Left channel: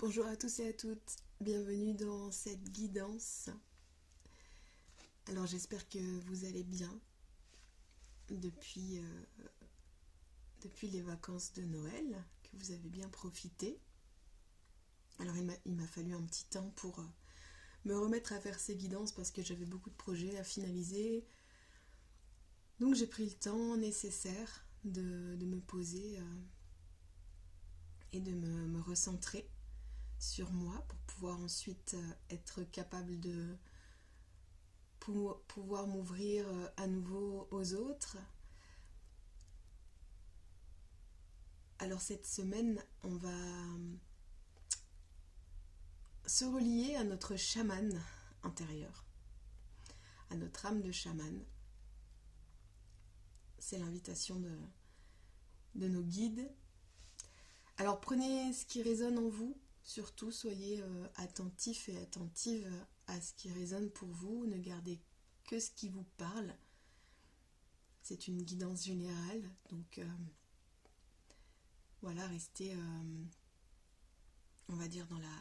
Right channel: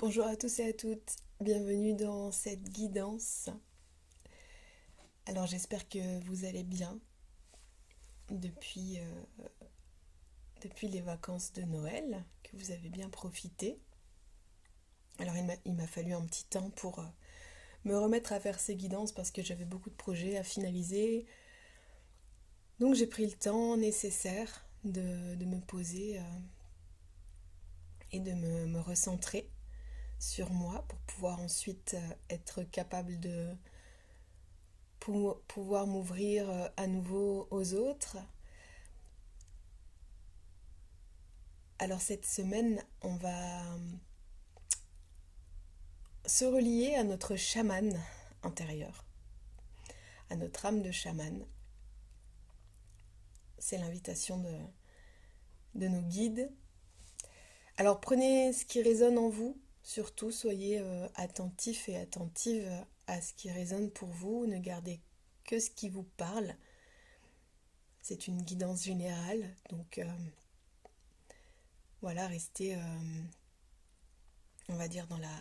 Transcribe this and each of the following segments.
Bonjour à tous et à toutes, bienvenue dans cette guidance. Alors j'espère que vous allez bien depuis, depuis les vacances de Noël, que vous avez bien profité. Alors il m'a fallu un petit temps pour me remettre à faire ces guidances parce que j'avais beaucoup de projets à finaliser. Donc j'ai pris le temps nécessaire de me poser et de me recentrer sur moi pour pouvoir ensuite être capable de pour pouvoir m'ouvrir à nouveau aux autres. Alors cette semaine, on va se relier à notre chaman intérieur, à notre âme de chaman. C'est l'invitation de nos guides. Alors prenez ce qui résonne en vous, surtout soyez attentifs et attentives à ce qui résonne pour vous, ne gardez que ce qui vous parle. C'est une guidance générale, donc voilà, restez, on va dire, dans la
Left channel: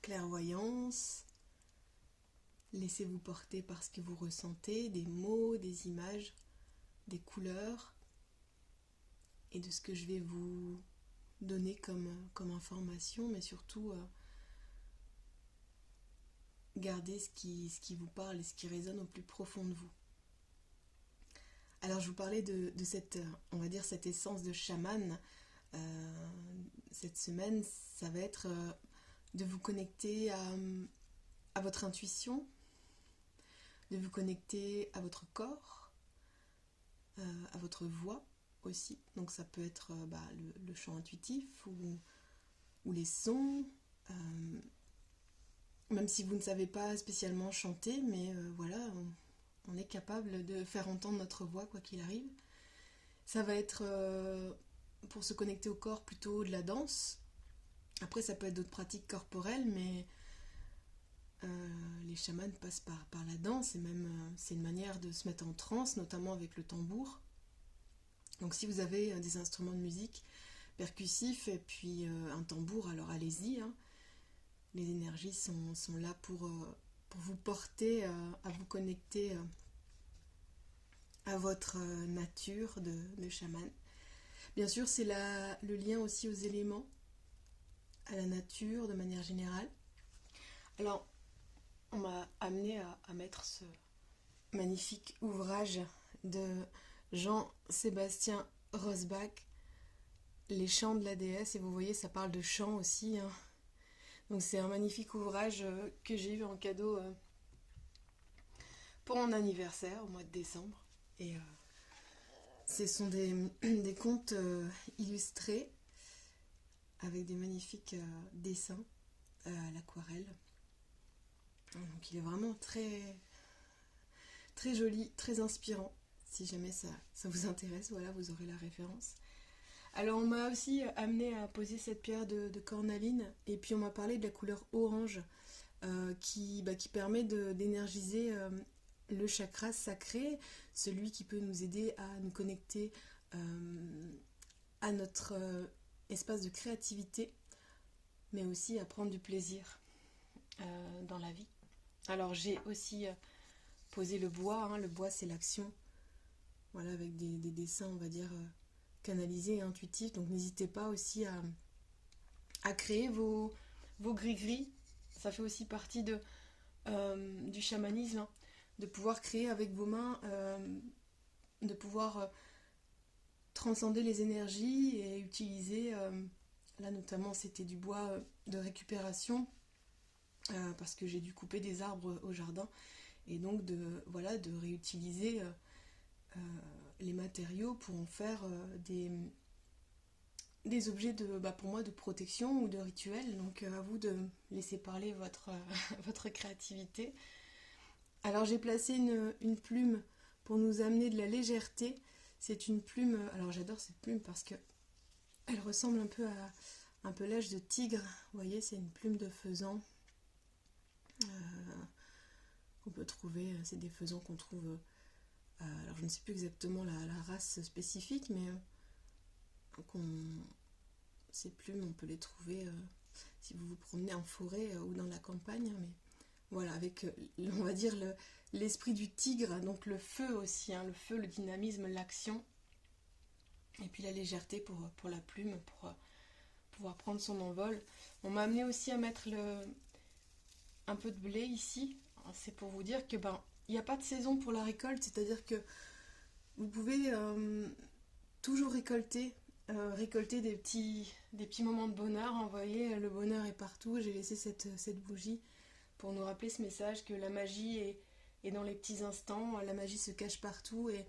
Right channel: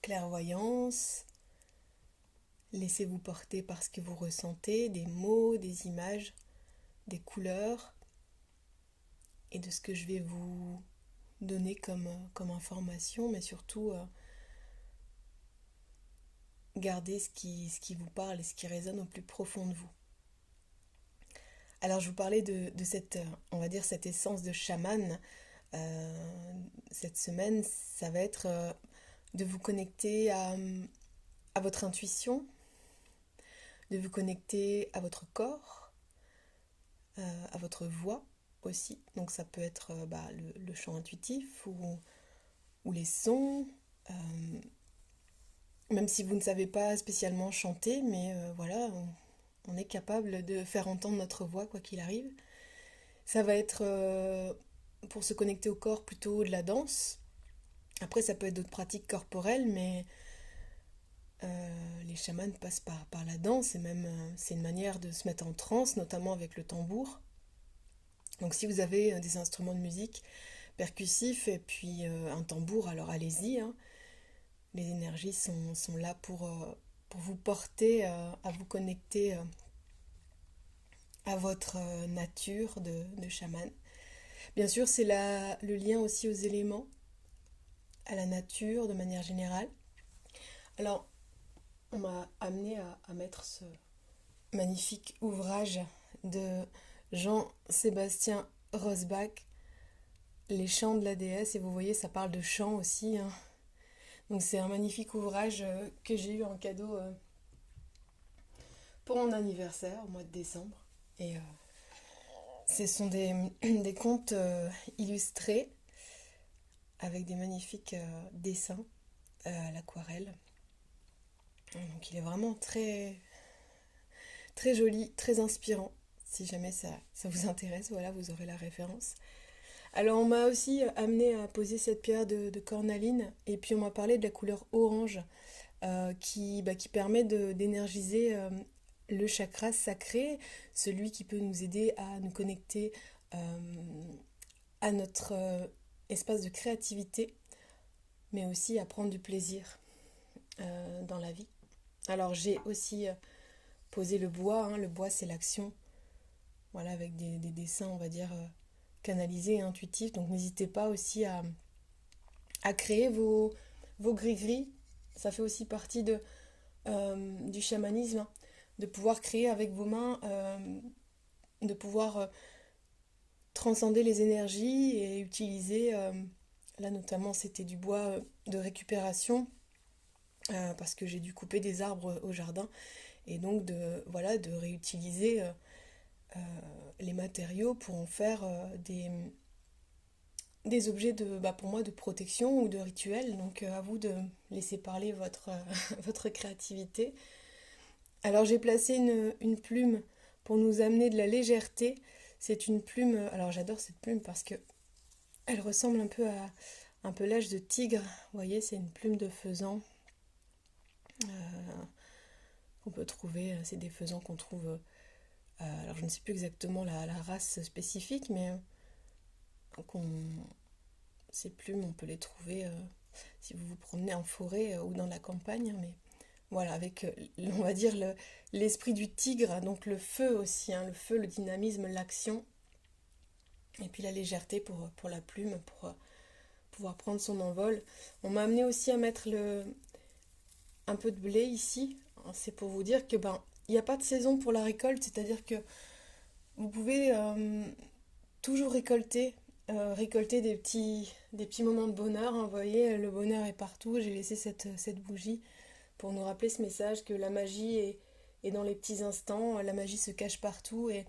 clairvoyance. Laissez-vous porter par ce que vous ressentez, des mots, des images, des couleurs et de ce que je vais vous donner comme information, mais surtout gardez ce qui vous parle et ce qui résonne au plus profond de vous. Alors je vous parlais de cette, on va dire, cette essence de chaman. Cette semaine, ça va être de vous connecter à votre intuition, de vous connecter à votre corps, à votre voix aussi. Donc ça peut être le chant intuitif ou les sons, même si vous ne savez pas spécialement chanter, mais voilà, on est capable de faire entendre notre voix quoi qu'il arrive. Ça va être pour se connecter au corps plutôt de la danse. Après ça peut être d'autres pratiques corporelles, mais les chamans passent par la danse et même c'est une manière de se mettre en transe, notamment avec le tambour. Donc si vous avez des instruments de musique percussifs et puis un tambour, alors allez-y. Hein. Les énergies sont là pour vous porter à vous connecter à votre nature de chaman. Bien sûr, c'est le lien aussi aux éléments, à la nature de manière générale. Alors, on m'a amené à mettre ce magnifique ouvrage de Jean-Sébastien Rosbach, Les chants de la déesse, et vous voyez, ça parle de chants aussi. Hein. Donc c'est un magnifique ouvrage que j'ai eu en cadeau pour mon anniversaire au mois de décembre. Et ce sont des contes illustrés avec des magnifiques dessins à l'aquarelle. Donc il est vraiment très, très joli, très inspirant. Si jamais ça vous intéresse, voilà, vous aurez la référence. Alors on m'a aussi amené à poser cette pierre de cornaline et puis on m'a parlé de la couleur orange qui permet d'énergiser le chakra sacré, celui qui peut nous aider à nous connecter à notre espace de créativité, mais aussi à prendre du plaisir dans la vie. Alors j'ai aussi posé le bois, hein. Le bois c'est l'action, voilà, avec des dessins, on va dire, canalisés et intuitifs. Donc n'hésitez pas aussi à créer vos gris-gris. Ça fait aussi partie du chamanisme, hein, de pouvoir créer avec vos mains, de pouvoir transcender les énergies et utiliser, là notamment c'était du bois de récupération, parce que j'ai dû couper des arbres au jardin, et donc de réutiliser les matériaux pour en faire des objets pour moi de protection ou de rituel. Donc à vous de laisser parler votre créativité. Alors j'ai placé une plume pour nous amener de la légèreté. C'est une plume, alors j'adore cette plume parce que elle ressemble un peu à un pelage de tigre. Vous voyez, c'est une plume de faisan qu'on peut trouver. C'est des faisans qu'on trouve. Alors je ne sais plus exactement la race spécifique, mais Ces plumes, on peut les trouver si vous vous promenez en forêt ou dans la campagne, mais voilà, avec, on va dire, l'esprit du tigre, donc le feu aussi, hein, le feu, le dynamisme, l'action, et puis la légèreté pour la plume, pour pouvoir prendre son envol. On m'a amené aussi à mettre un peu de blé ici. C'est pour vous dire que il n'y a pas de saison pour la récolte, c'est-à-dire que vous pouvez toujours récolter des petits moments de bonheur, hein. Vous voyez, le bonheur est partout. J'ai laissé cette bougie pour nous rappeler ce message que la magie est dans les petits instants, la magie se cache partout et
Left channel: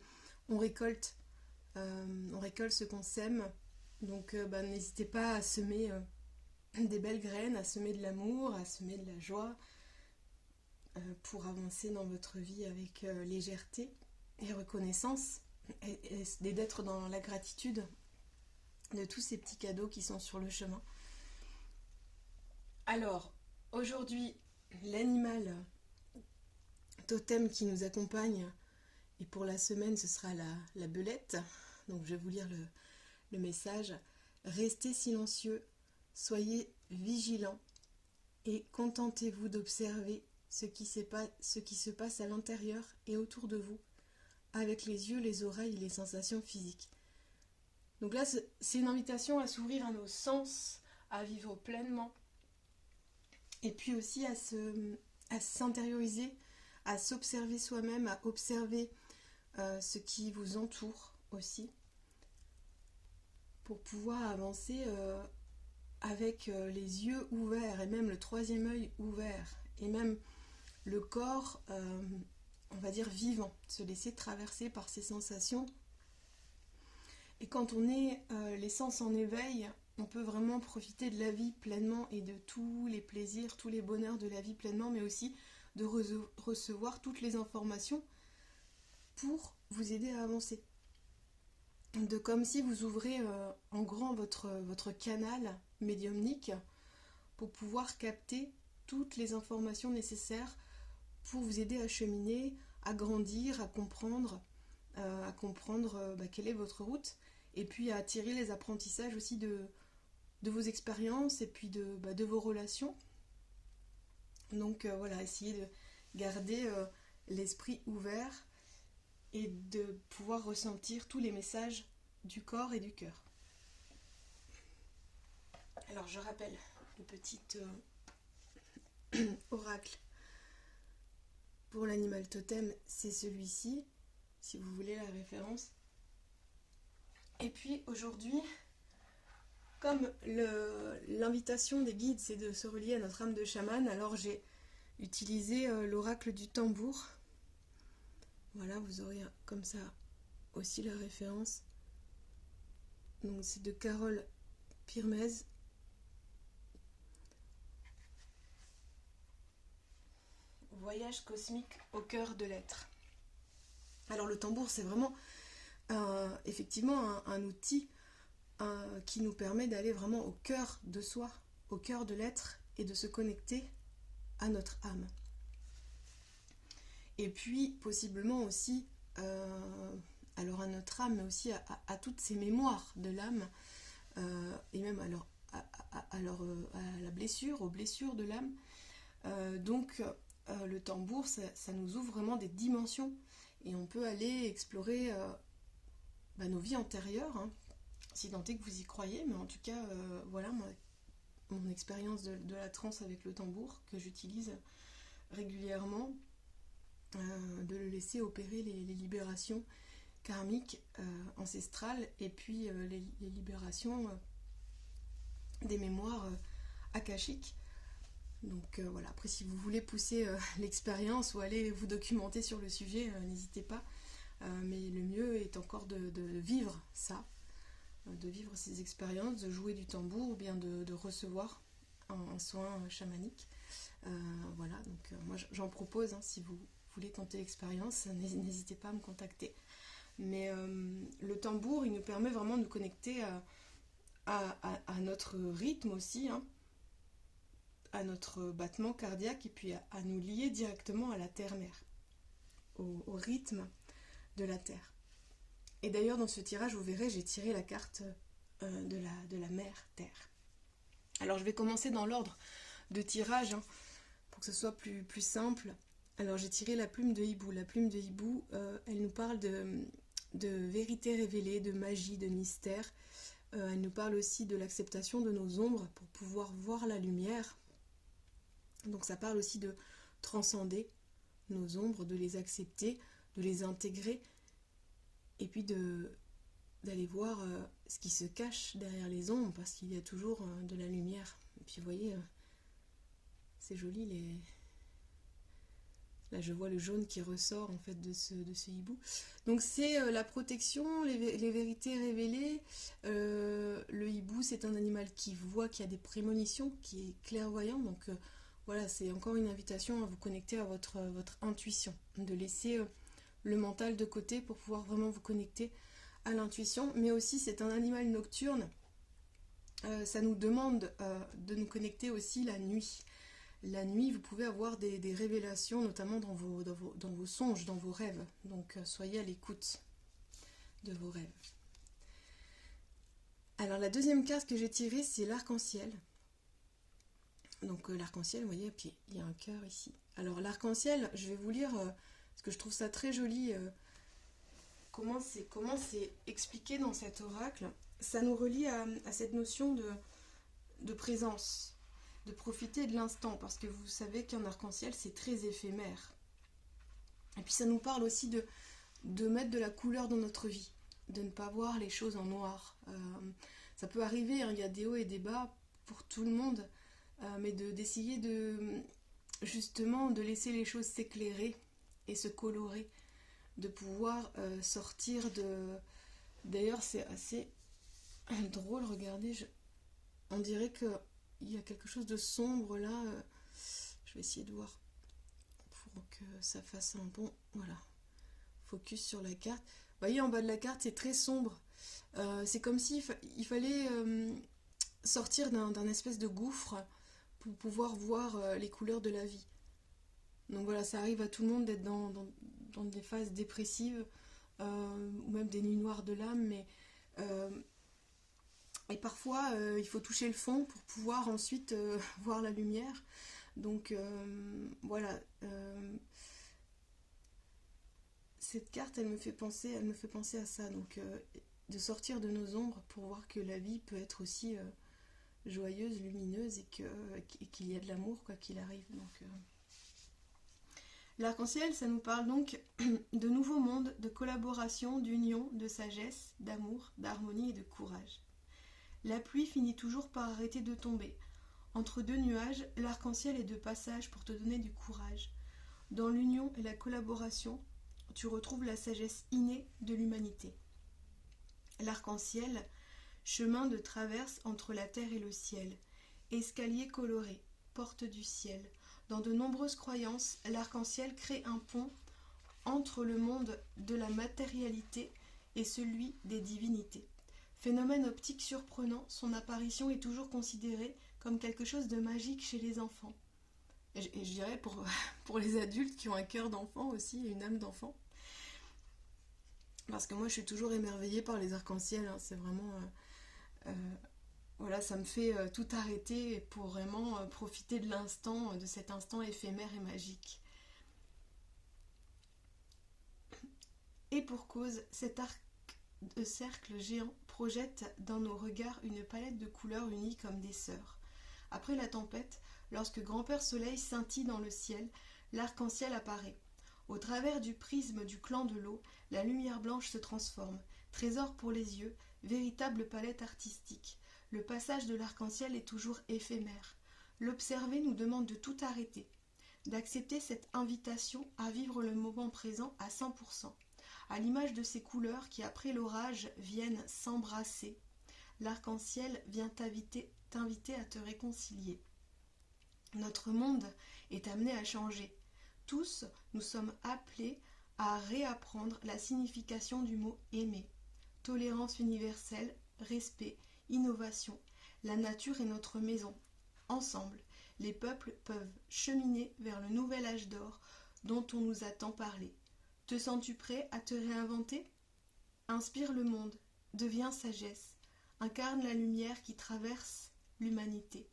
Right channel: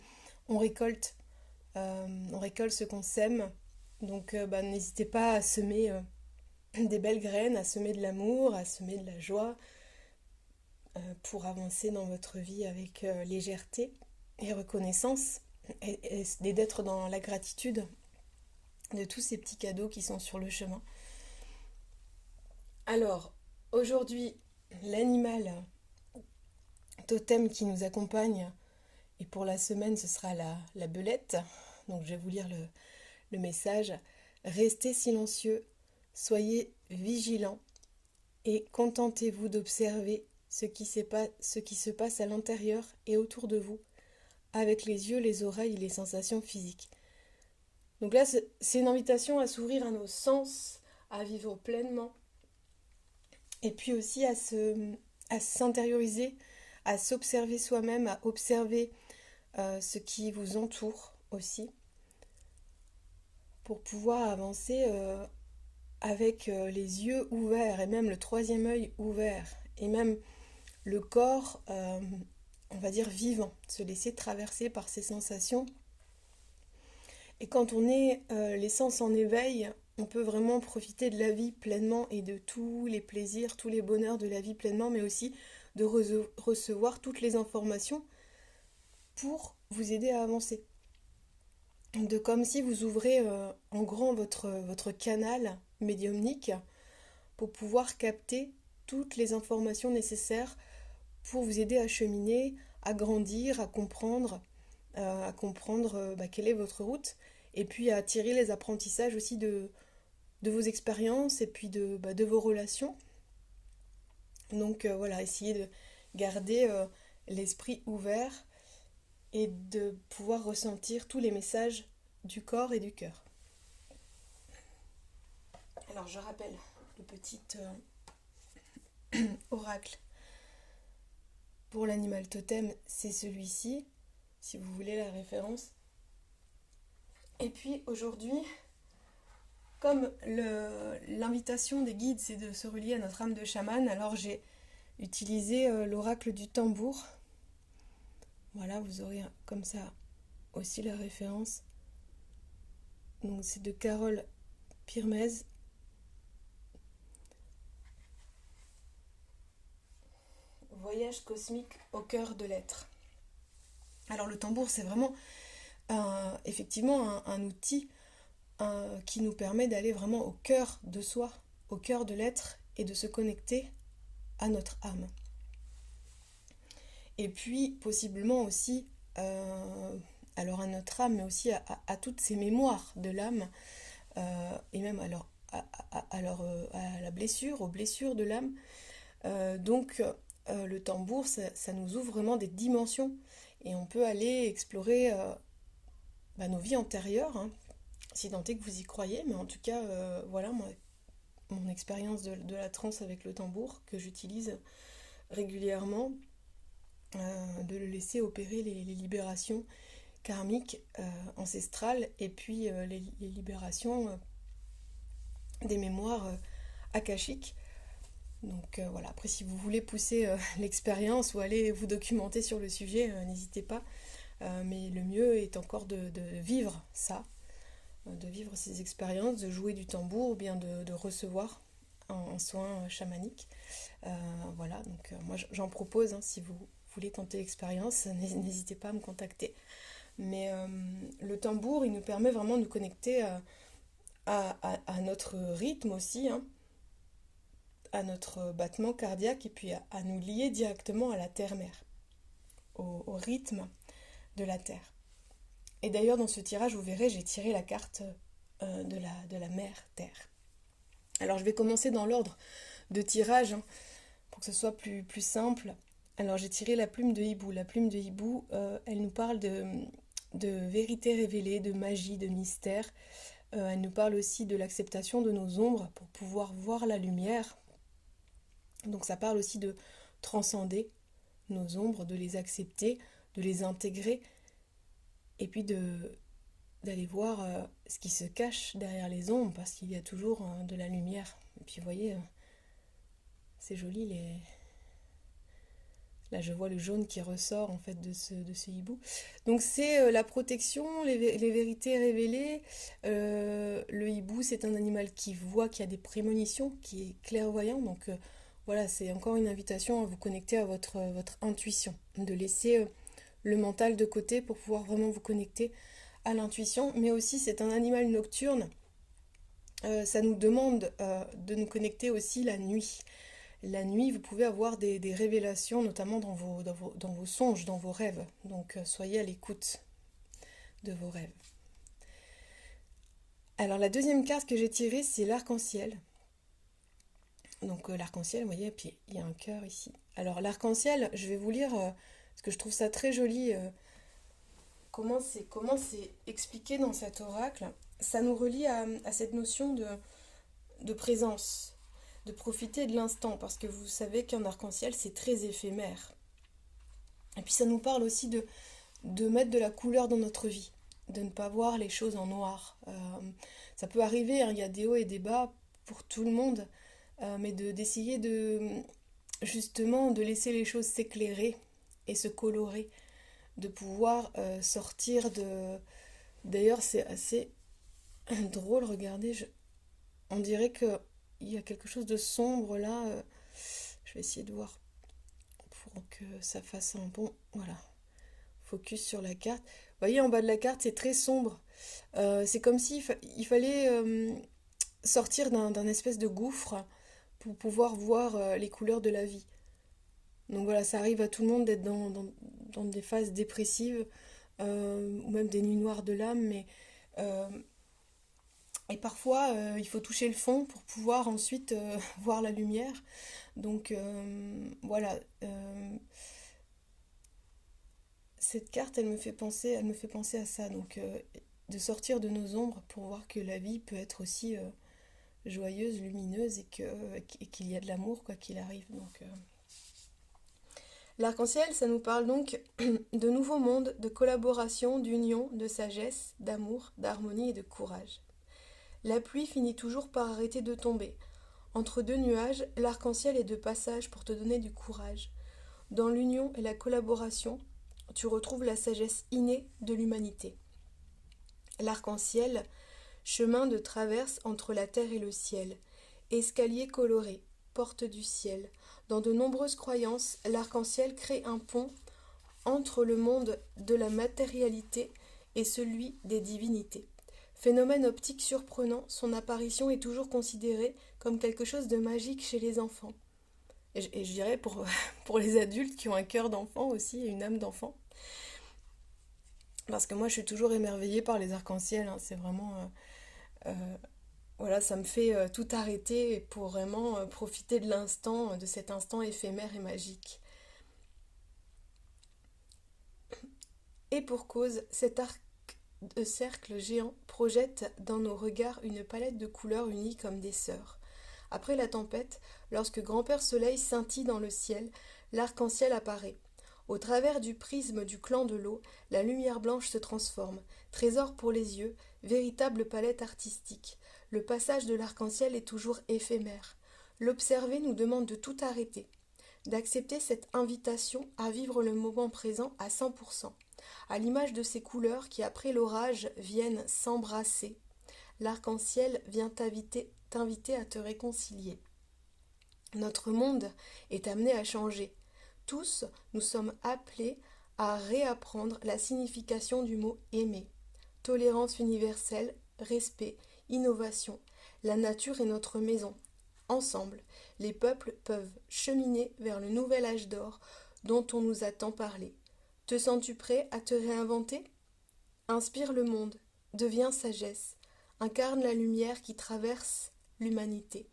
on récolte, on récolte ce qu'on sème. Donc n'hésitez pas à semer des belles graines, à semer de l'amour, à semer de la joie pour avancer dans votre vie avec légèreté et reconnaissance et d'être dans la gratitude de tous ces petits cadeaux qui sont sur le chemin. Alors, aujourd'hui, l'animal totem qui nous accompagne, et pour la semaine, ce sera la belette. Donc, je vais vous lire le message. Restez silencieux, soyez vigilants et contentez-vous d'observer ce qui se passe à l'intérieur et autour de vous, avec les yeux, les oreilles et les sensations physiques. Donc là, c'est une invitation à s'ouvrir à nos sens, à vivre pleinement, et puis aussi à s'intérioriser, à s'observer soi-même, à observer ce qui vous entoure aussi, pour pouvoir avancer avec les yeux ouverts, et même le troisième œil ouvert, et même le corps, on va dire, vivant, se laisser traverser par ces sensations. Et quand on est les sens en éveil, on peut vraiment profiter de la vie pleinement et de tous les plaisirs, tous les bonheurs de la vie pleinement, mais aussi de recevoir toutes les informations pour vous aider à avancer. De comme si vous ouvrez en grand votre canal médiumnique pour pouvoir capter toutes les informations nécessaires pour vous aider à cheminer, à grandir, à comprendre quelle est votre route, et puis à tirer les apprentissages aussi de vos expériences et puis de vos relations. Donc voilà, essayez de garder l'esprit ouvert et de pouvoir ressentir tous les messages du corps et du cœur. Alors je rappelle le petit oracle pour l'animal totem, c'est celui-ci, si vous voulez la référence. Et puis aujourd'hui, comme l'invitation des guides, c'est de se relier à notre âme de chaman, alors j'ai utilisé l'oracle du tambour. Voilà, vous aurez comme ça aussi la référence. Donc c'est de Carole Pirmez. Voyage cosmique au cœur de l'être. Alors le tambour, c'est vraiment effectivement un outil qui nous permet d'aller vraiment au cœur de soi, au cœur de l'être et de se connecter à notre âme. Et puis possiblement aussi alors à notre âme, mais aussi à toutes ces mémoires de l'âme et même alors à la blessure, aux blessures de l'âme. Donc le tambour, ça nous ouvre vraiment des dimensions et on peut aller explorer nos vies antérieures, hein, si tant est que vous y croyez, mais en tout cas, voilà mon expérience de la transe avec le tambour que j'utilise régulièrement, de le laisser opérer les libérations karmiques ancestrales et puis les libérations des mémoires akashiques. Donc voilà, après si vous voulez pousser l'expérience ou aller vous documenter sur le sujet, n'hésitez pas. Mais le mieux est encore de vivre ça, de vivre ces expériences, de jouer du tambour ou bien de recevoir un soin chamanique. Voilà, donc moi j'en propose, hein, si vous voulez tenter l'expérience, n'hésitez pas à me contacter. Mais le tambour, il nous permet vraiment de nous connecter à notre rythme aussi, hein, à notre battement cardiaque et puis à nous lier directement à la terre-mère, au rythme de la terre. Et d'ailleurs dans ce tirage, vous verrez, j'ai tiré la carte de la mère Terre. Alors je vais commencer dans l'ordre de tirage, hein, pour que ce soit plus simple. Alors j'ai tiré la plume de hibou. La plume de hibou, elle nous parle de vérité révélée, de magie, de mystère. Elle nous parle aussi de l'acceptation de nos ombres pour pouvoir voir la lumière. Donc ça parle aussi de transcender nos ombres, de les accepter, de les intégrer, et puis d'aller voir ce qui se cache derrière les ombres, parce qu'il y a toujours de la lumière. Et puis vous voyez, c'est joli, là je vois le jaune qui ressort en fait de ce hibou. Donc c'est la protection, les vérités révélées. Le hibou, c'est un animal qui voit, qui a des prémonitions, qui est clairvoyant. Donc voilà, c'est encore une invitation à vous connecter à votre intuition, de laisser le mental de côté pour pouvoir vraiment vous connecter à l'intuition. Mais aussi, c'est un animal nocturne. Ça nous demande de nous connecter aussi la nuit. La nuit, vous pouvez avoir des révélations, notamment dans vos songes, dans vos rêves. Donc soyez à l'écoute de vos rêves. Alors la deuxième carte que j'ai tirée, c'est l'arc-en-ciel. Donc l'arc-en-ciel, vous voyez, puis il y a un cœur ici. Alors l'arc-en-ciel, je vais vous lire, parce que je trouve ça très joli, comment c'est expliqué dans cet oracle. Ça nous relie à cette notion de présence, de profiter de l'instant, parce que vous savez qu'un arc-en-ciel, c'est très éphémère. Et puis ça nous parle aussi de mettre de la couleur dans notre vie, de ne pas voir les choses en noir. Ça peut arriver, hein, il y a des hauts et des bas pour tout le monde, mais d'essayer justement de laisser les choses s'éclairer et se colorer, de pouvoir sortir de... D'ailleurs, c'est assez drôle, regardez, on dirait qu'il y a quelque chose de sombre là. Je vais essayer de voir pour que ça fasse un bon... Voilà, focus sur la carte. Vous voyez, en bas de la carte, c'est très sombre. C'est comme s'il fallait sortir d'un espèce de gouffre pour pouvoir voir les couleurs de la vie. Donc voilà, ça arrive à tout le monde d'être dans des phases dépressives, ou même des nuits noires de l'âme, mais et parfois il faut toucher le fond pour pouvoir ensuite voir la lumière. Donc voilà, cette carte, elle me fait penser à ça, donc de sortir de nos ombres pour voir que la vie peut être aussi joyeuse, lumineuse, et qu'il y a de l'amour quoi qu'il arrive. Donc l'arc-en-ciel, ça nous parle donc de nouveaux mondes, de collaboration, d'union, de sagesse, d'amour, d'harmonie et de courage. La pluie finit toujours par arrêter de tomber. Entre deux nuages, l'arc-en-ciel est de passage pour te donner du courage. Dans l'union et la collaboration, tu retrouves la sagesse innée de l'humanité. L'arc-en-ciel, chemin de traverse entre la terre et le ciel, escalier coloré, porte du ciel. Dans de nombreuses croyances, l'arc-en-ciel crée un pont entre le monde de la matérialité et celui des divinités. Phénomène optique surprenant, son apparition est toujours considérée comme quelque chose de magique chez les enfants. Et je dirais pour les adultes qui ont un cœur d'enfant aussi et une âme d'enfant. Parce que moi je suis toujours émerveillée par les arcs-en-ciel, hein. C'est vraiment... voilà, ça me fait tout arrêter pour vraiment profiter de l'instant, de cet instant éphémère et magique. Et pour cause, cet arc de cercle géant projette dans nos regards une palette de couleurs unies comme des sœurs. Après la tempête, lorsque Grand-Père Soleil scintille dans le ciel, l'arc-en-ciel apparaît. Au travers du prisme du clan de l'eau, la lumière blanche se transforme. Trésor pour les yeux, véritable palette artistique. Le passage de l'arc-en-ciel est toujours éphémère. L'observer nous demande de tout arrêter, d'accepter cette invitation à vivre le moment présent à 100%. À l'image de ces couleurs qui, après l'orage, viennent s'embrasser, l'arc-en-ciel vient t'inviter à te réconcilier. Notre monde est amené à changer. Tous, nous sommes appelés à réapprendre la signification du mot « aimer ». Tolérance universelle, respect, innovation. La nature est notre maison. Ensemble, les peuples peuvent cheminer vers le nouvel âge d'or dont on nous a tant parlé. Te sens-tu prêt à te réinventer ? Inspire le monde, deviens sagesse. incarne la lumière qui traverse l'humanité.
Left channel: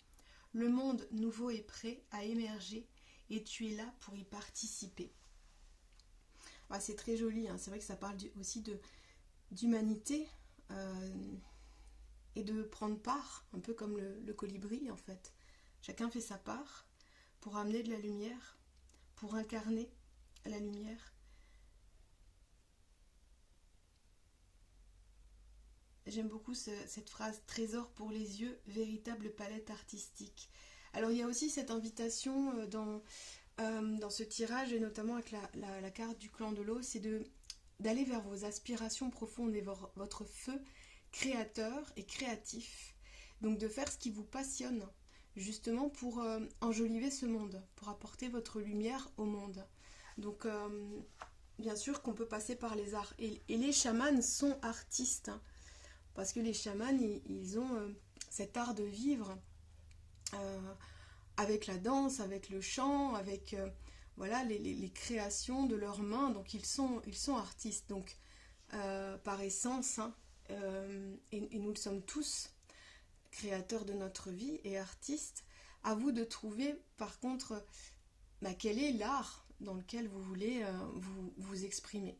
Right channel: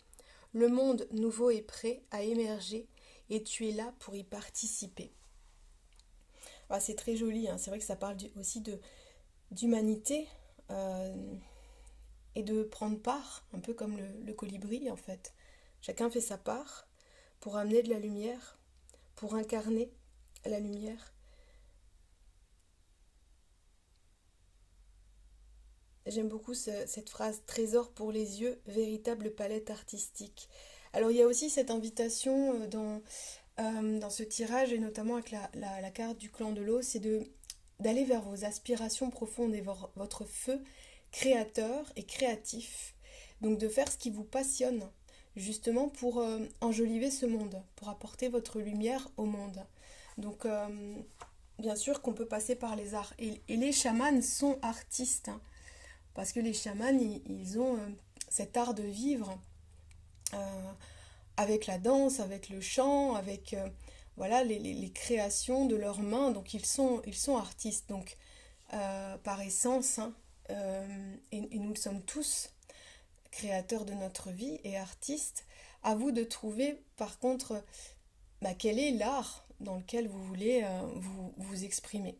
Le monde nouveau est prêt à émerger et tu es là pour y participer. Ah, c'est très joli, hein. C'est vrai que ça parle aussi d'humanité et de prendre part, un peu comme le colibri en fait. Chacun fait sa part pour amener de la lumière, pour incarner la lumière. J'aime beaucoup cette phrase, trésor pour les yeux, véritable palette artistique. Alors il y a aussi cette invitation dans ce tirage, et notamment avec la carte du clan de l'eau, c'est d'aller vers vos aspirations profondes et votre feu créateur et créatif. Donc de faire ce qui vous passionne, justement pour enjoliver ce monde, pour apporter votre lumière au monde. Donc bien sûr qu'on peut passer par les arts. Et les chamans sont artistes, hein, parce que les chamans, ils ont cet art de vivre avec la danse, avec le chant, avec voilà, les créations de leurs mains. Donc ils sont artistes, donc par essence, hein, et nous le sommes tous, créateurs de notre vie et artistes. À vous de trouver par contre quel est l'art dans lequel vous voulez vous exprimer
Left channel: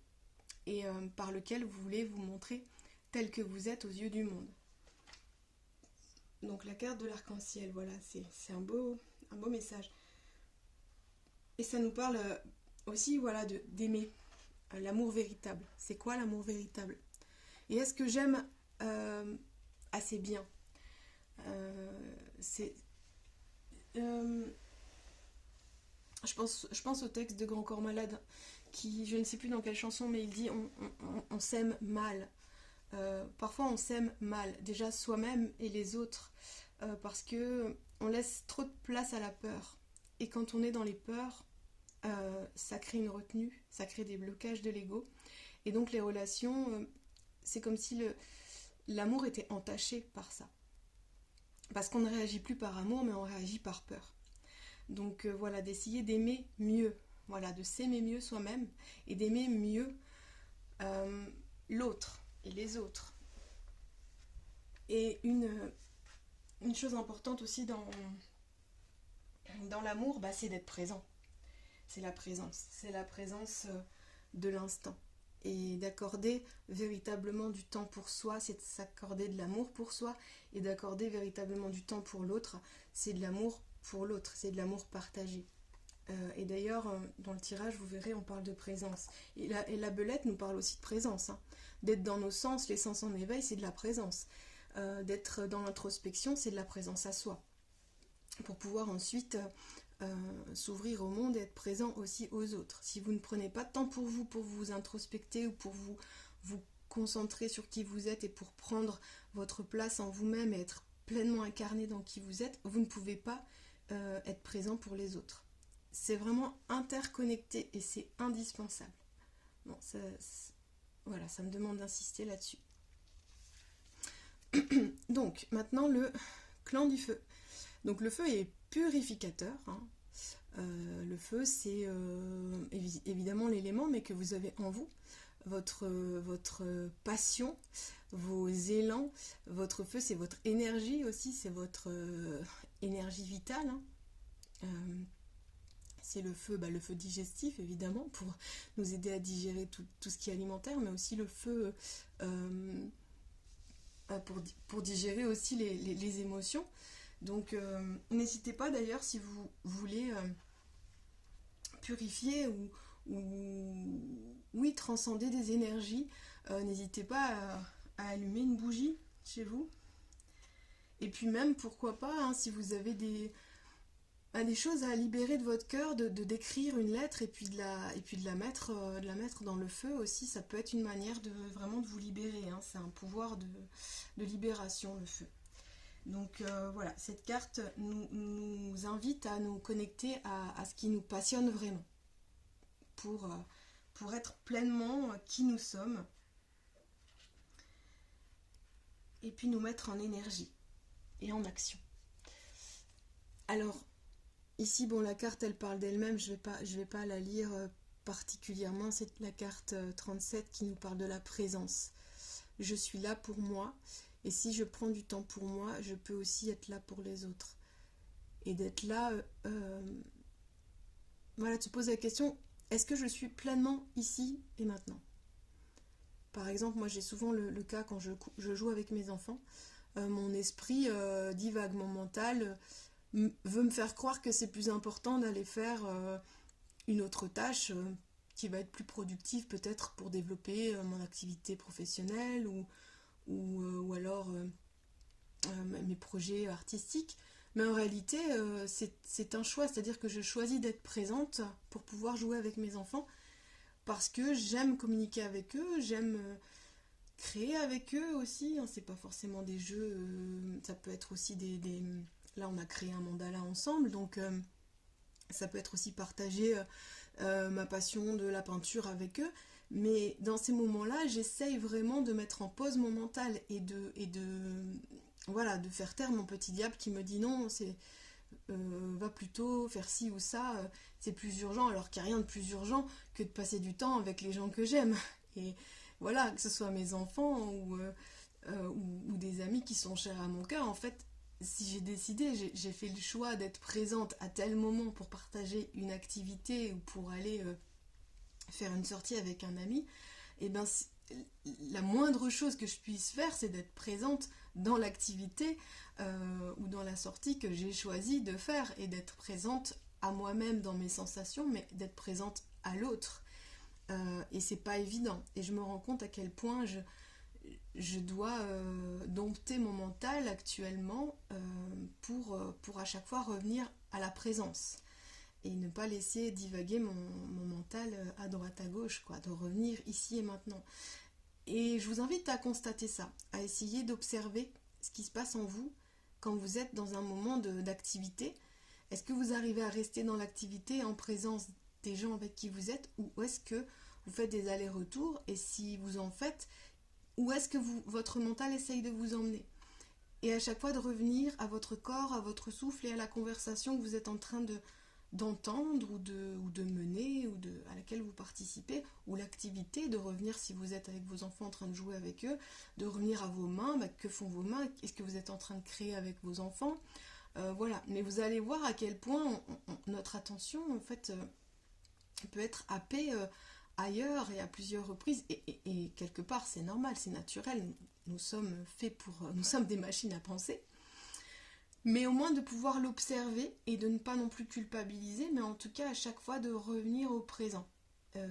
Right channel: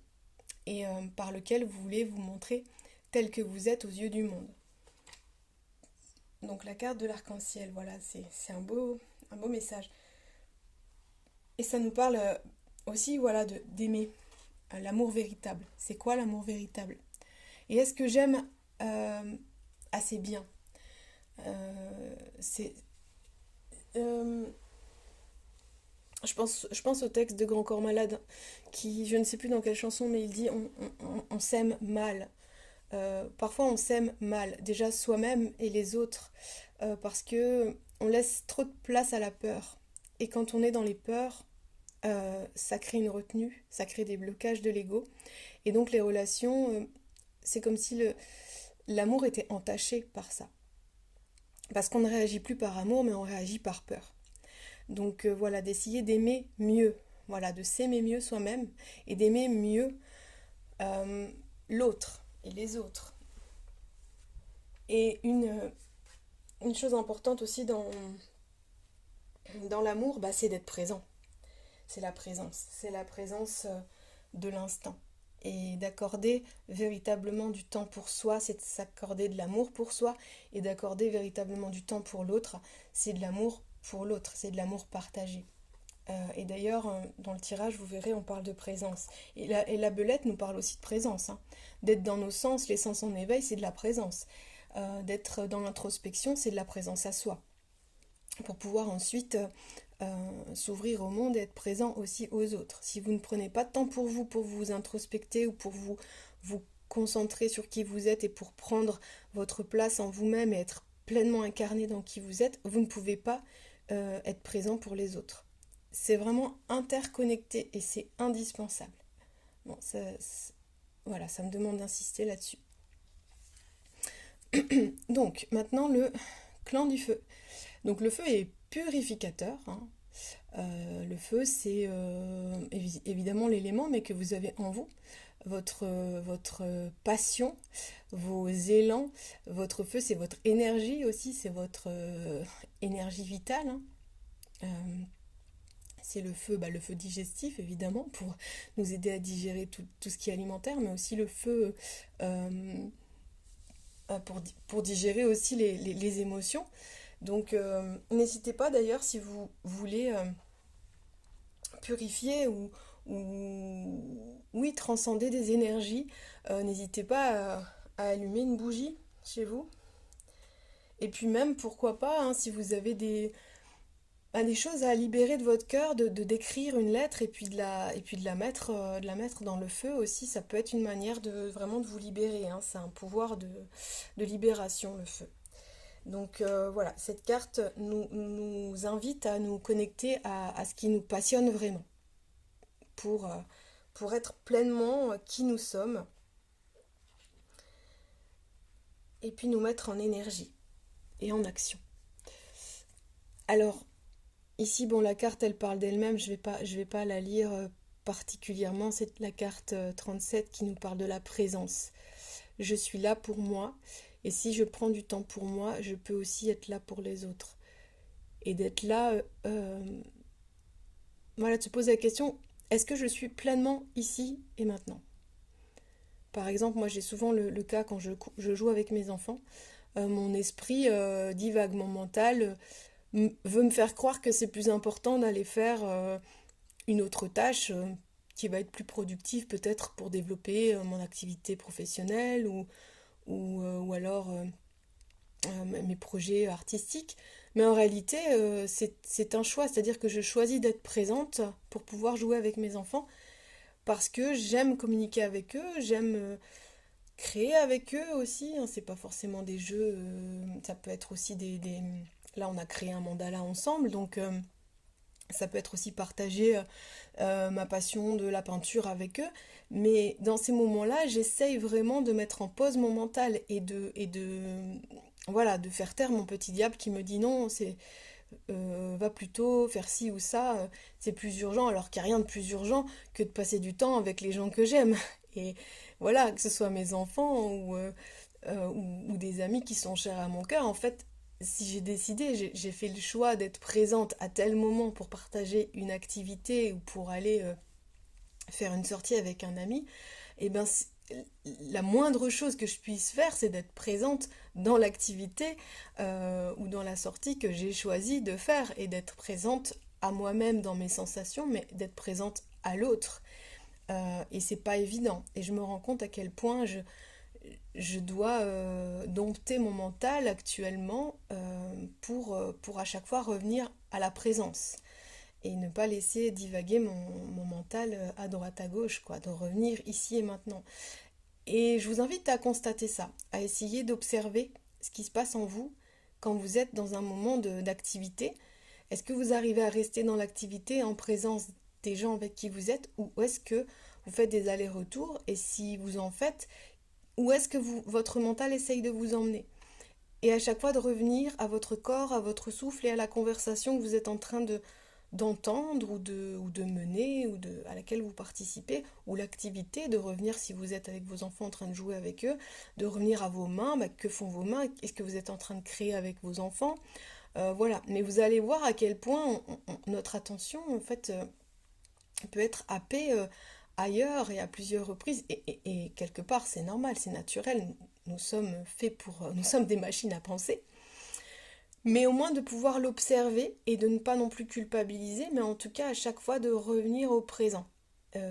et par lequel vous voulez vous montrer tel que vous êtes aux yeux du monde. Donc la carte de l'arc-en-ciel, voilà, c'est un beau message. Et ça nous parle aussi, voilà, d'aimer l'amour véritable. C'est quoi l'amour véritable? Et est-ce que j'aime assez bien? Je pense au texte de Grand Corps Malade, qui, je ne sais plus dans quelle chanson, mais il dit on s'aime mal. Parfois on s'aime mal, déjà soi-même et les autres, parce que on laisse trop de place à la peur. Et quand on est dans les peurs, ça crée une retenue, ça crée des blocages de l'ego. Et donc les relations, c'est comme si l'amour était entaché par ça. Parce qu'on ne réagit plus par amour, mais on réagit par peur. Donc voilà, d'essayer d'aimer mieux, voilà, de s'aimer mieux soi-même et d'aimer mieux l'autre et les autres. Et une chose importante aussi dans l'amour, c'est d'être présent. C'est la présence de l'instant. Et d'accorder véritablement du temps pour soi, c'est de s'accorder de l'amour pour soi, et d'accorder véritablement du temps pour l'autre, c'est de l'amour pour l'autre, c'est de l'amour partagé. Et d'ailleurs, dans le tirage, vous verrez, on parle de présence. Et la belette nous parle aussi de présence, hein. D'être dans nos sens, les sens en éveil, c'est de la présence. D'être dans l'introspection, c'est de la présence à soi. Pour pouvoir ensuite s'ouvrir au monde et être présent aussi aux autres. Si vous ne prenez pas de temps pour vous introspecter ou pour vous concentrer sur qui vous êtes et pour prendre votre place en vous-même et être pleinement incarné dans qui vous êtes, vous ne pouvez pas être présent pour les autres. C'est vraiment interconnecté et c'est indispensable. Bon, voilà, ça me demande d'insister là-dessus. Donc, maintenant, le clan du feu. Donc, le feu est purificateur, hein. Le feu, c'est évidemment l'élément, mais que vous avez en vous. Votre passion, vos élans, votre feu, c'est votre énergie aussi, c'est votre énergie vitale, hein. C'est le feu digestif, évidemment, pour nous aider à digérer tout ce qui est alimentaire, mais aussi le feu pour digérer aussi les émotions. Donc n'hésitez pas d'ailleurs si vous voulez purifier ou transcender des énergies, n'hésitez pas à allumer une bougie chez vous. Et puis même, pourquoi pas, hein, si vous avez des choses à libérer de votre cœur, de d'écrire une lettre et puis de la mettre dans le feu aussi, ça peut être une manière vraiment de vous libérer, hein. C'est un pouvoir de libération, le feu. Donc voilà, cette carte nous invite à nous connecter à ce qui nous passionne vraiment, pour être pleinement qui nous sommes, et puis nous mettre en énergie et en action. Alors, ici, bon, la carte, elle parle d'elle-même, je vais pas la lire particulièrement, c'est la carte 37 qui nous parle de la présence. Je suis là pour moi Et si je prends du temps pour moi, je peux aussi être là pour les autres. Et d'être là, voilà, de se poser la question, est-ce que je suis pleinement ici et maintenant? Par exemple, moi j'ai souvent le cas quand je joue avec mes enfants, mon esprit divague, mon mental veut me faire croire que c'est plus important d'aller faire une autre tâche qui va être plus productive peut-être pour développer mon activité professionnelle ou alors mes projets artistiques. Mais en réalité, c'est un choix, c'est-à-dire que je choisis d'être présente pour pouvoir jouer avec mes enfants parce que j'aime communiquer avec eux, j'aime créer avec eux aussi, hein. C'est pas forcément des jeux, ça peut être aussi Là, on a créé un mandala ensemble, donc ça peut être aussi partager ma passion de la peinture avec eux. Mais dans ces moments-là, j'essaye vraiment de mettre en pause mon mental voilà, de faire taire mon petit diable qui me dit non, va plutôt faire ci ou ça, c'est plus urgent, alors qu'il n'y a rien de plus urgent que de passer du temps avec les gens que j'aime. Et voilà, que ce soit mes enfants ou des amis qui sont chers à mon cœur, en fait, si j'ai décidé, j'ai fait le choix d'être présente à tel moment pour partager une activité ou pour aller faire une sortie avec un ami, et ben la moindre chose que je puisse faire, c'est d'être présente dans l'activité ou dans la sortie que j'ai choisi de faire et d'être présente à moi-même dans mes sensations, mais d'être présente à l'autre. Et c'est pas évident. Et je me rends compte à quel point je dois dompter mon mental actuellement pour à chaque fois revenir à la présence et ne pas laisser divaguer mon mental à droite à gauche, quoi, de revenir ici et maintenant. Et je vous invite à constater ça, à essayer d'observer ce qui se passe en vous quand vous êtes dans un moment d'activité. Est-ce que vous arrivez à rester dans l'activité en présence des gens avec qui vous êtes ou est-ce que vous faites des allers-retours et si vous en faites, où est-ce que votre mental essaye de vous emmener? Et à chaque fois de revenir à votre corps, à votre souffle et à la conversation que vous êtes en train d'entendre ou de mener à laquelle vous participez, ou l'activité, de revenir si vous êtes avec vos enfants en train de jouer avec eux, de revenir à vos mains, que font vos mains, est-ce que vous êtes en train de créer avec vos enfants, voilà. Mais vous allez voir à quel point notre attention en fait peut être happée ailleurs et à plusieurs reprises et quelque part c'est normal, c'est naturel, nous sommes faits nous sommes des machines à penser. Mais au moins de pouvoir l'observer et de ne pas non plus culpabiliser, mais en tout cas à chaque fois de revenir au présent.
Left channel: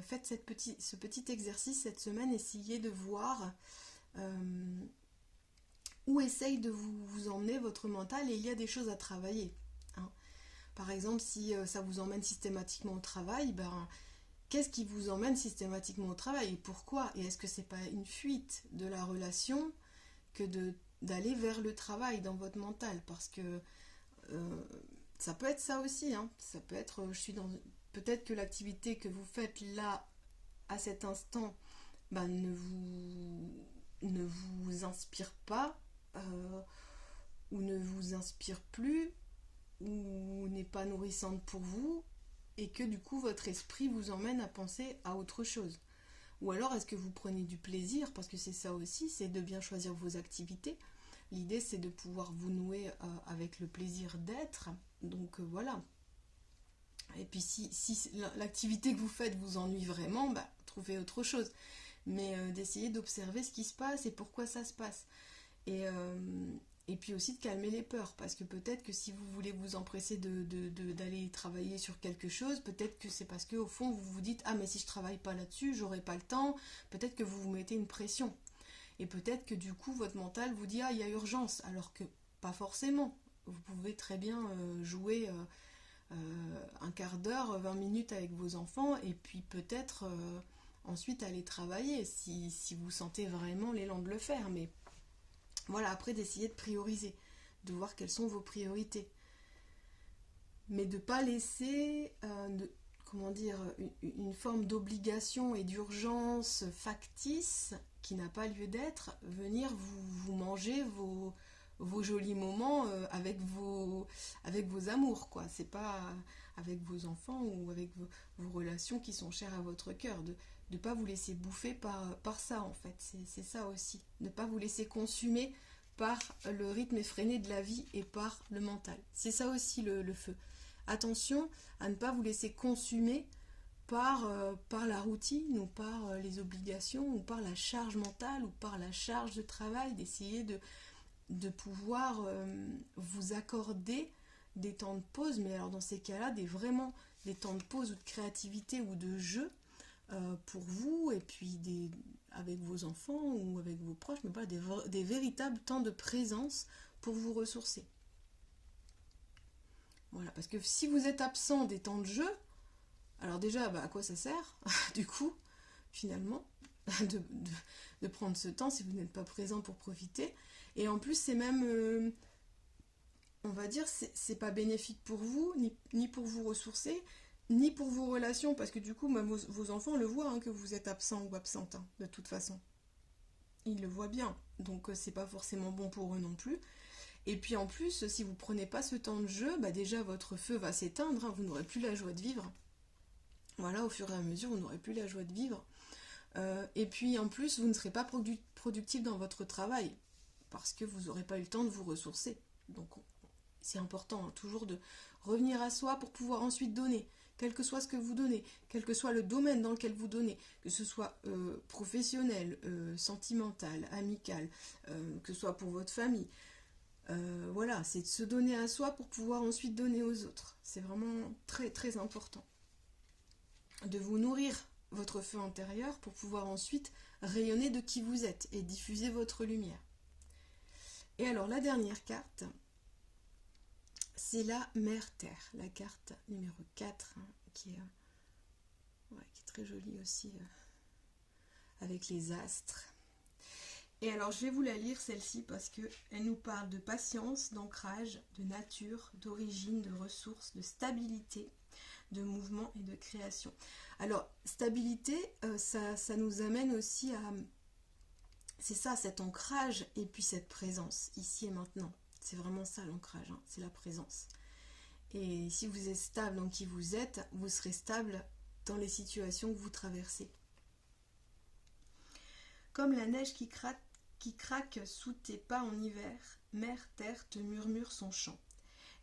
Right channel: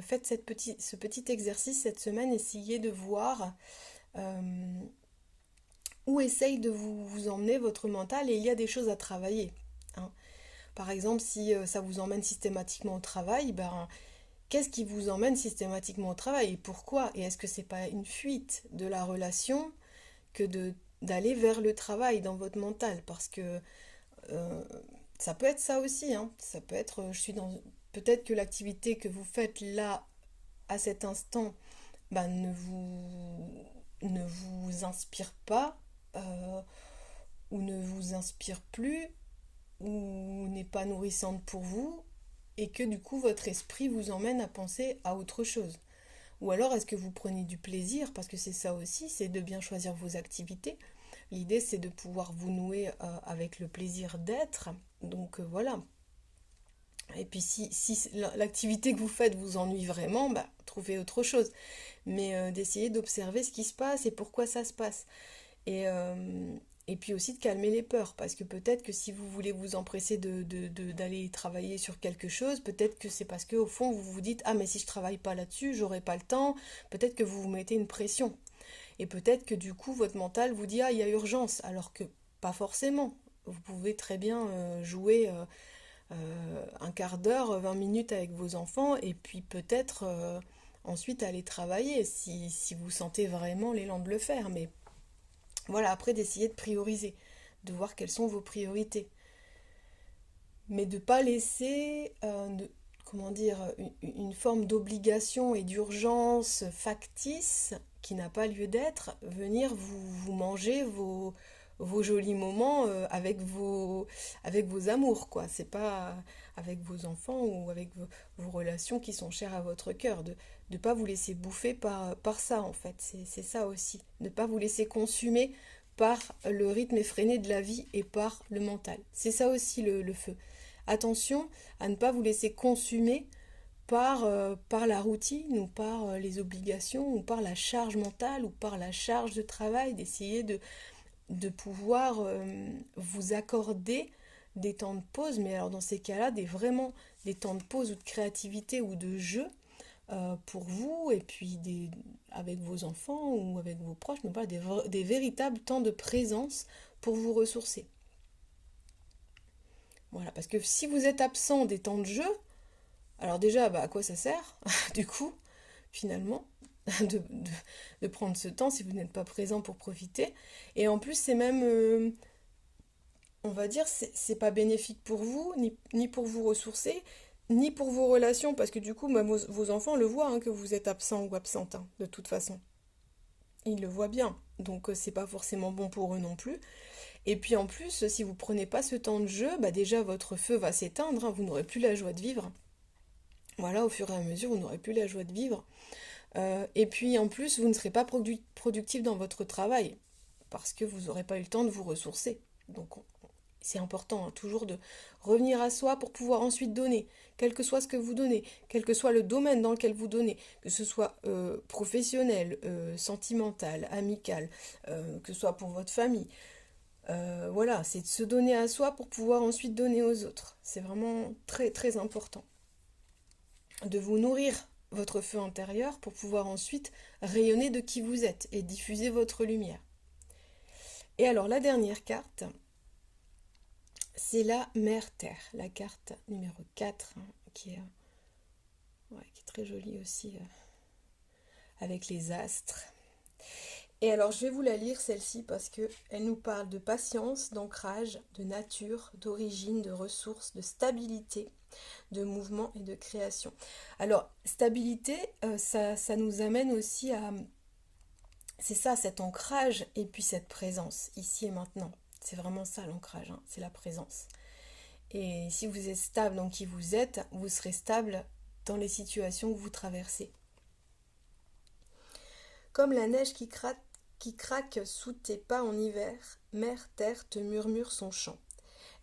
Faites ce petit exercice cette semaine, essayez de voir où essaye de vous emmener votre mental et il y a des choses à travailler, hein. Par exemple, si ça vous emmène systématiquement au travail, ben, qu'est-ce qui vous emmène systématiquement au travail et pourquoi? Et est-ce que c'est pas une fuite de la relation que d'aller vers le travail dans votre mental? Parce que euh, ça peut être ça aussi, hein. Ça peut être, peut-être que l'activité que vous faites là, à cet instant, bah, ne vous inspire pas, ou ne vous inspire plus, ou n'est pas nourrissante pour vous, et que du coup votre esprit vous emmène à penser à autre chose. Ou alors est-ce que vous prenez du plaisir, parce que c'est ça aussi, c'est de bien choisir vos activités. L'idée c'est de pouvoir vous nouer avec le plaisir d'être. Donc voilà. Et puis si l'activité que vous faites vous ennuie vraiment, bah, trouvez autre chose. Mais d'essayer d'observer ce qui se passe et pourquoi ça se passe. Et, euh, et puis aussi de calmer les peurs, parce que peut-être que si vous voulez vous empresser d'aller travailler sur quelque chose, peut-être que c'est parce qu'au fond vous vous dites ah mais si je travaille pas là-dessus, j'aurai pas le temps, peut-être que vous vous mettez une pression. Et peut-être que du coup votre mental vous dit ah il y a urgence, alors que pas forcément. Vous pouvez très bien jouer un quart d'heure, 20 minutes avec vos enfants et puis peut-être ensuite aller travailler si vous sentez vraiment l'élan de le faire. Mais voilà, après d'essayer de prioriser, de voir quelles sont vos priorités. Mais de ne pas laisser, comment dire, une forme d'obligation et d'urgence factice qui n'a pas lieu d'être, venir vous manger vos jolis moments avec vos amours, quoi. C'est pas avec vos enfants ou avec vos relations qui sont chères à votre cœur. De ne pas vous laisser bouffer par ça, en fait. C'est ça aussi. Ne pas vous laisser consumer par le rythme effréné de la vie et par le mental. C'est ça aussi le feu. Attention à ne pas vous laisser consumer par la routine ou par les obligations ou par la charge mentale ou par la charge de travail, d'essayer de pouvoir vous accorder des temps de pause, mais alors dans ces cas-là, vraiment des temps de pause ou de créativité ou de jeu pour vous et puis avec vos enfants ou avec vos proches, mais pas des véritables temps de présence pour vous ressourcer. Voilà, parce que si vous êtes absent des temps de jeu, alors déjà, à quoi ça sert, du coup, finalement, de prendre ce temps si vous n'êtes pas présent pour profiter. Et en plus, c'est même, on va dire, c'est pas bénéfique pour vous, ni pour vous ressourcer, ni pour vos relations, parce que du coup, vos enfants le voient que vous êtes absent ou absente, de toute façon. Ils le voient bien, donc c'est pas forcément bon pour eux non plus. Et puis en plus, si vous prenez pas ce temps de jeu, déjà votre feu va s'éteindre, vous n'aurez plus la joie de vivre. Voilà, au fur et à mesure, vous n'aurez plus la joie de vivre. Et puis en plus, vous ne serez pas productif dans votre travail, parce que vous n'aurez pas eu le temps de vous ressourcer. Donc c'est important toujours de revenir à soi pour pouvoir ensuite donner, quel que soit ce que vous donnez, quel que soit le domaine dans lequel vous donnez, que ce soit professionnel, sentimental, amical, que ce soit pour votre famille. Voilà, c'est de se donner à soi pour pouvoir ensuite donner aux autres. C'est vraiment très très important. De vous nourrir votre feu intérieur pour pouvoir ensuite rayonner de qui vous êtes et diffuser votre lumière. Et alors la dernière carte, c'est la Mère Terre, la carte numéro 4, qui est très jolie aussi, avec les astres. Et alors je vais vous la lire celle-ci parce qu'elle nous parle de patience, d'ancrage, de nature, d'origine, de ressources, de stabilité, de mouvement et de création. Alors stabilité, ça nous amène aussi à... C'est ça, cet ancrage et puis cette présence, ici et maintenant. C'est vraiment ça l'ancrage, c'est la présence. Et si vous êtes stable dans qui vous êtes, vous serez stable dans les situations que vous traversez. Comme la neige qui craque sous tes pas en hiver, Mère Terre te murmure son chant.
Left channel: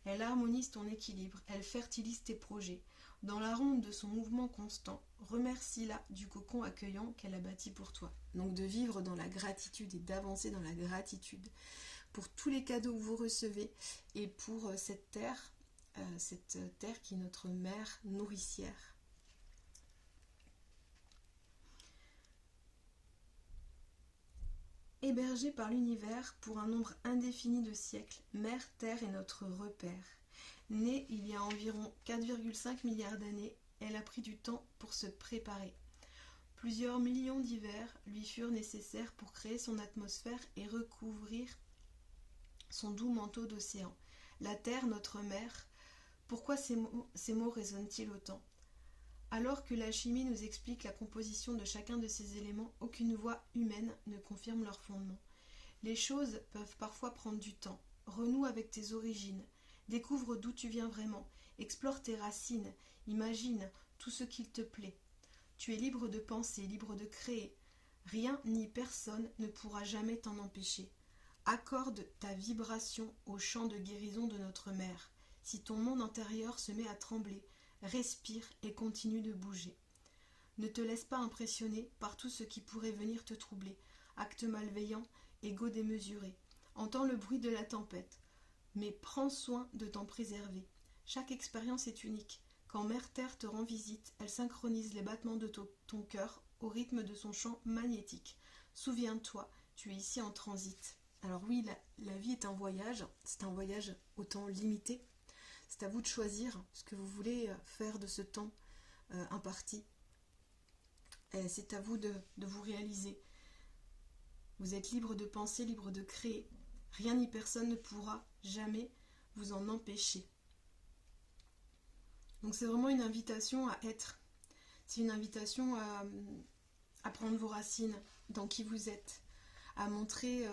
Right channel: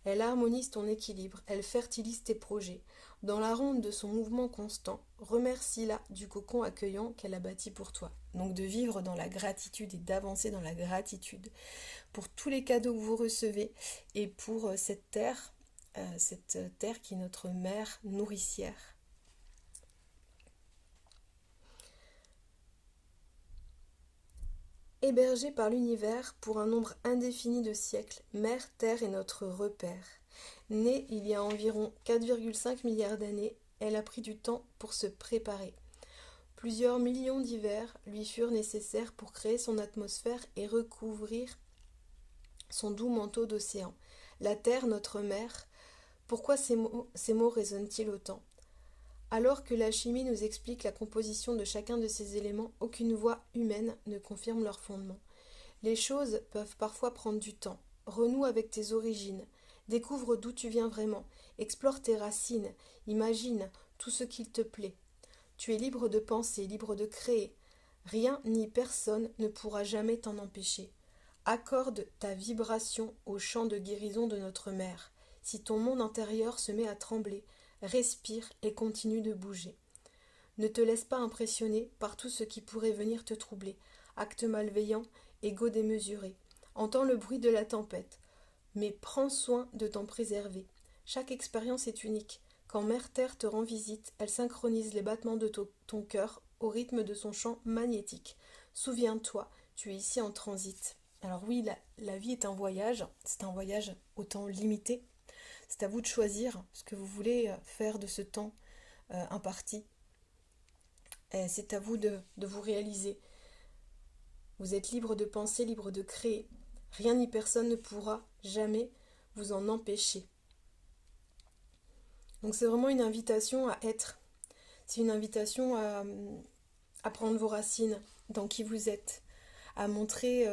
Elle harmonise ton équilibre, elle fertilise tes projets. Dans la ronde de son mouvement constant, remercie-la du cocon accueillant qu'elle a bâti pour toi. Donc de vivre dans la gratitude et d'avancer dans la gratitude pour tous les cadeaux que vous recevez et pour cette terre qui est notre mère nourricière. Hébergée par l'univers pour un nombre indéfini de siècles, Mère Terre est notre repère. Née il y a environ 4,5 milliards d'années, elle a pris du temps pour se préparer. Plusieurs millions d'hivers lui furent nécessaires pour créer son atmosphère et recouvrir son doux manteau d'océan. La Terre, notre mère, pourquoi ces mots résonnent-ils autant ? Alors que la chimie nous explique la composition de chacun de ces éléments, aucune voix humaine ne confirme leur fondement. Les choses peuvent parfois prendre du temps. Renoue avec tes origines. Découvre d'où tu viens vraiment. Explore tes racines. Imagine tout ce qu'il te plaît. Tu es libre de penser, libre de créer. Rien ni personne ne pourra jamais t'en empêcher. Accorde ta vibration au chant de guérison de notre mère. Si ton monde intérieur se met à trembler, respire et continue de bouger. Ne te laisse pas impressionner par tout ce qui pourrait venir te troubler. Actes malveillants, ego démesuré. Entends le bruit de la tempête. Mais prends soin de t'en préserver. Chaque expérience est unique. Quand Mère Terre te rend visite, elle synchronise les battements de ton cœur au rythme de son champ magnétique. Souviens-toi, tu es ici en transit. Alors oui, la vie est un voyage. C'est un voyage au temps limité. C'est à vous de choisir ce que vous voulez faire de ce temps imparti. Et c'est à vous de vous réaliser. Vous êtes libre de penser, libre de créer. Rien ni personne ne pourra jamais vous en empêcher. Donc c'est vraiment une invitation à être. C'est une invitation à prendre vos racines dans qui vous êtes, à montrer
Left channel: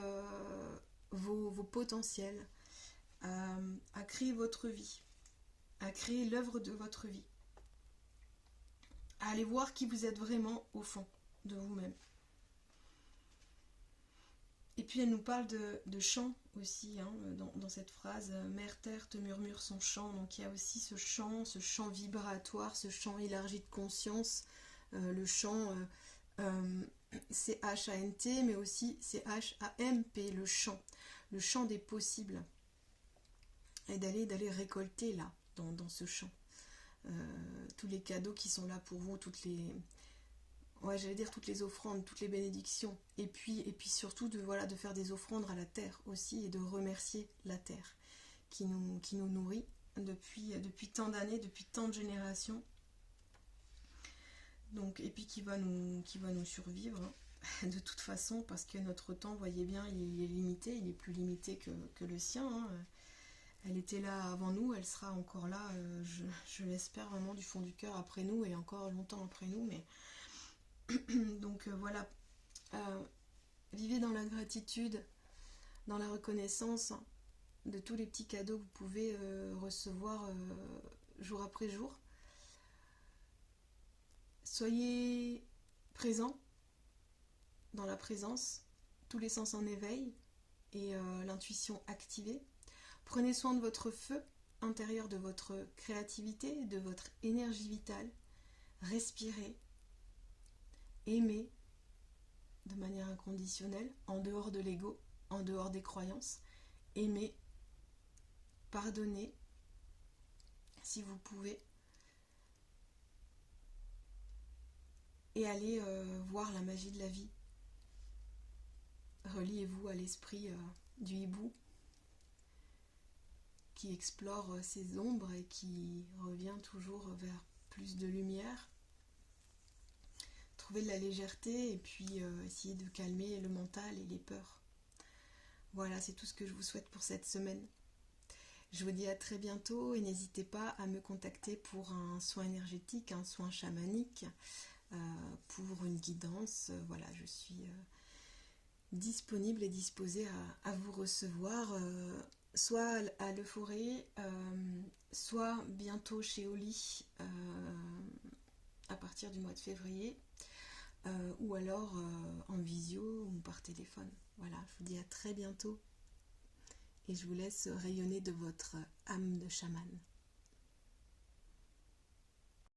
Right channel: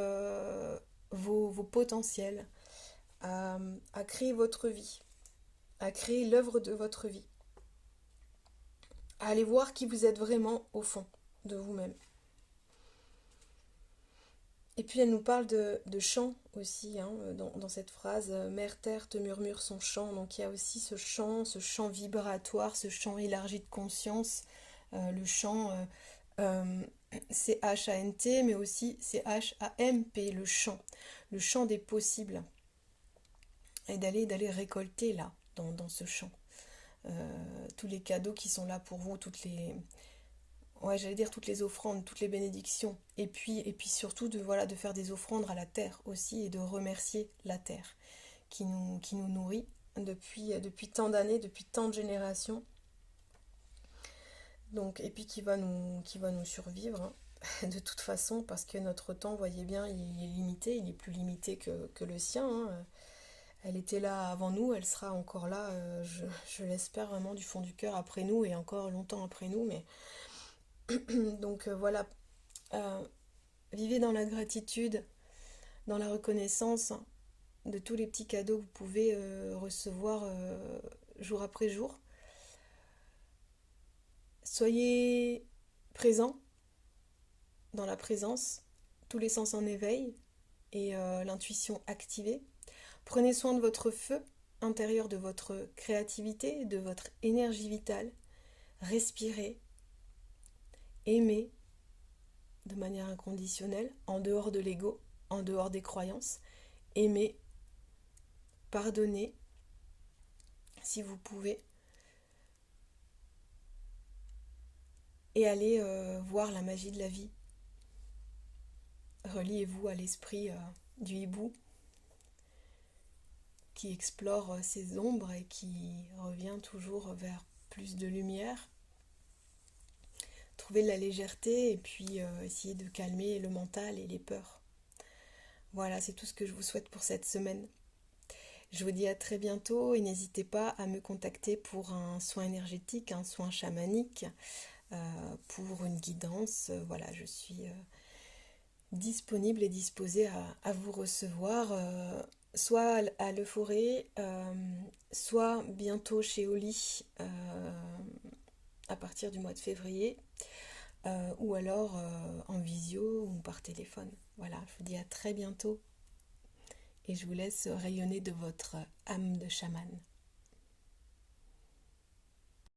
vos potentiels, à créer votre vie, à créer l'œuvre de votre vie, à aller voir qui vous êtes vraiment au fond de vous-même. Et puis elle nous parle de chant aussi, hein, dans cette phrase, Mère Terre te murmure son chant. Donc il y a aussi ce chant vibratoire, ce chant élargi de conscience, le chant C-H-A-N-T, mais aussi C-H-A-M-P, le chant des possibles. Et d'aller récolter là, dans ce chant. Tous les cadeaux qui sont là pour vous, toutes les offrandes, toutes les bénédictions. Et puis surtout de faire des offrandes à la terre aussi et de remercier la terre qui nous nourrit depuis tant d'années, depuis tant de générations. Donc, et puis qui va nous survivre, hein, de toute façon, parce que notre temps, voyez bien, il est limité, il est plus limité que le sien, hein. Elle était là avant nous, elle sera encore là, je l'espère vraiment du fond du cœur après nous et encore longtemps après nous. Mais donc voilà, euh, vivez dans la gratitude, dans la reconnaissance de tous les petits cadeaux que vous pouvez recevoir jour après jour. Soyez présents dans la présence, tous les sens en éveil et l'intuition activée. Prenez soin de votre feu intérieur, de votre créativité, de votre énergie vitale. Respirez, aimez de manière inconditionnelle, en dehors de l'ego, en dehors des croyances. Aimez, pardonnez, si vous pouvez, et allez voir la magie de la vie. Reliez-vous à l'esprit du hibou qui explore ses ombres et qui revient toujours vers plus de lumière. Trouvez de la légèreté et puis essayez de calmer le mental et les peurs. Voilà, c'est tout ce que je vous souhaite pour cette semaine. Je vous dis à très bientôt et n'hésitez pas à me contacter pour un soin énergétique, un soin chamanique, pour une guidance. Voilà, je suis disponible et disposée à vous recevoir, soit à l'Euphorie, soit bientôt chez Oli à partir du mois de février, ou alors en visio ou par téléphone. Voilà, je vous dis à très bientôt et je vous laisse rayonner de votre âme de chamane.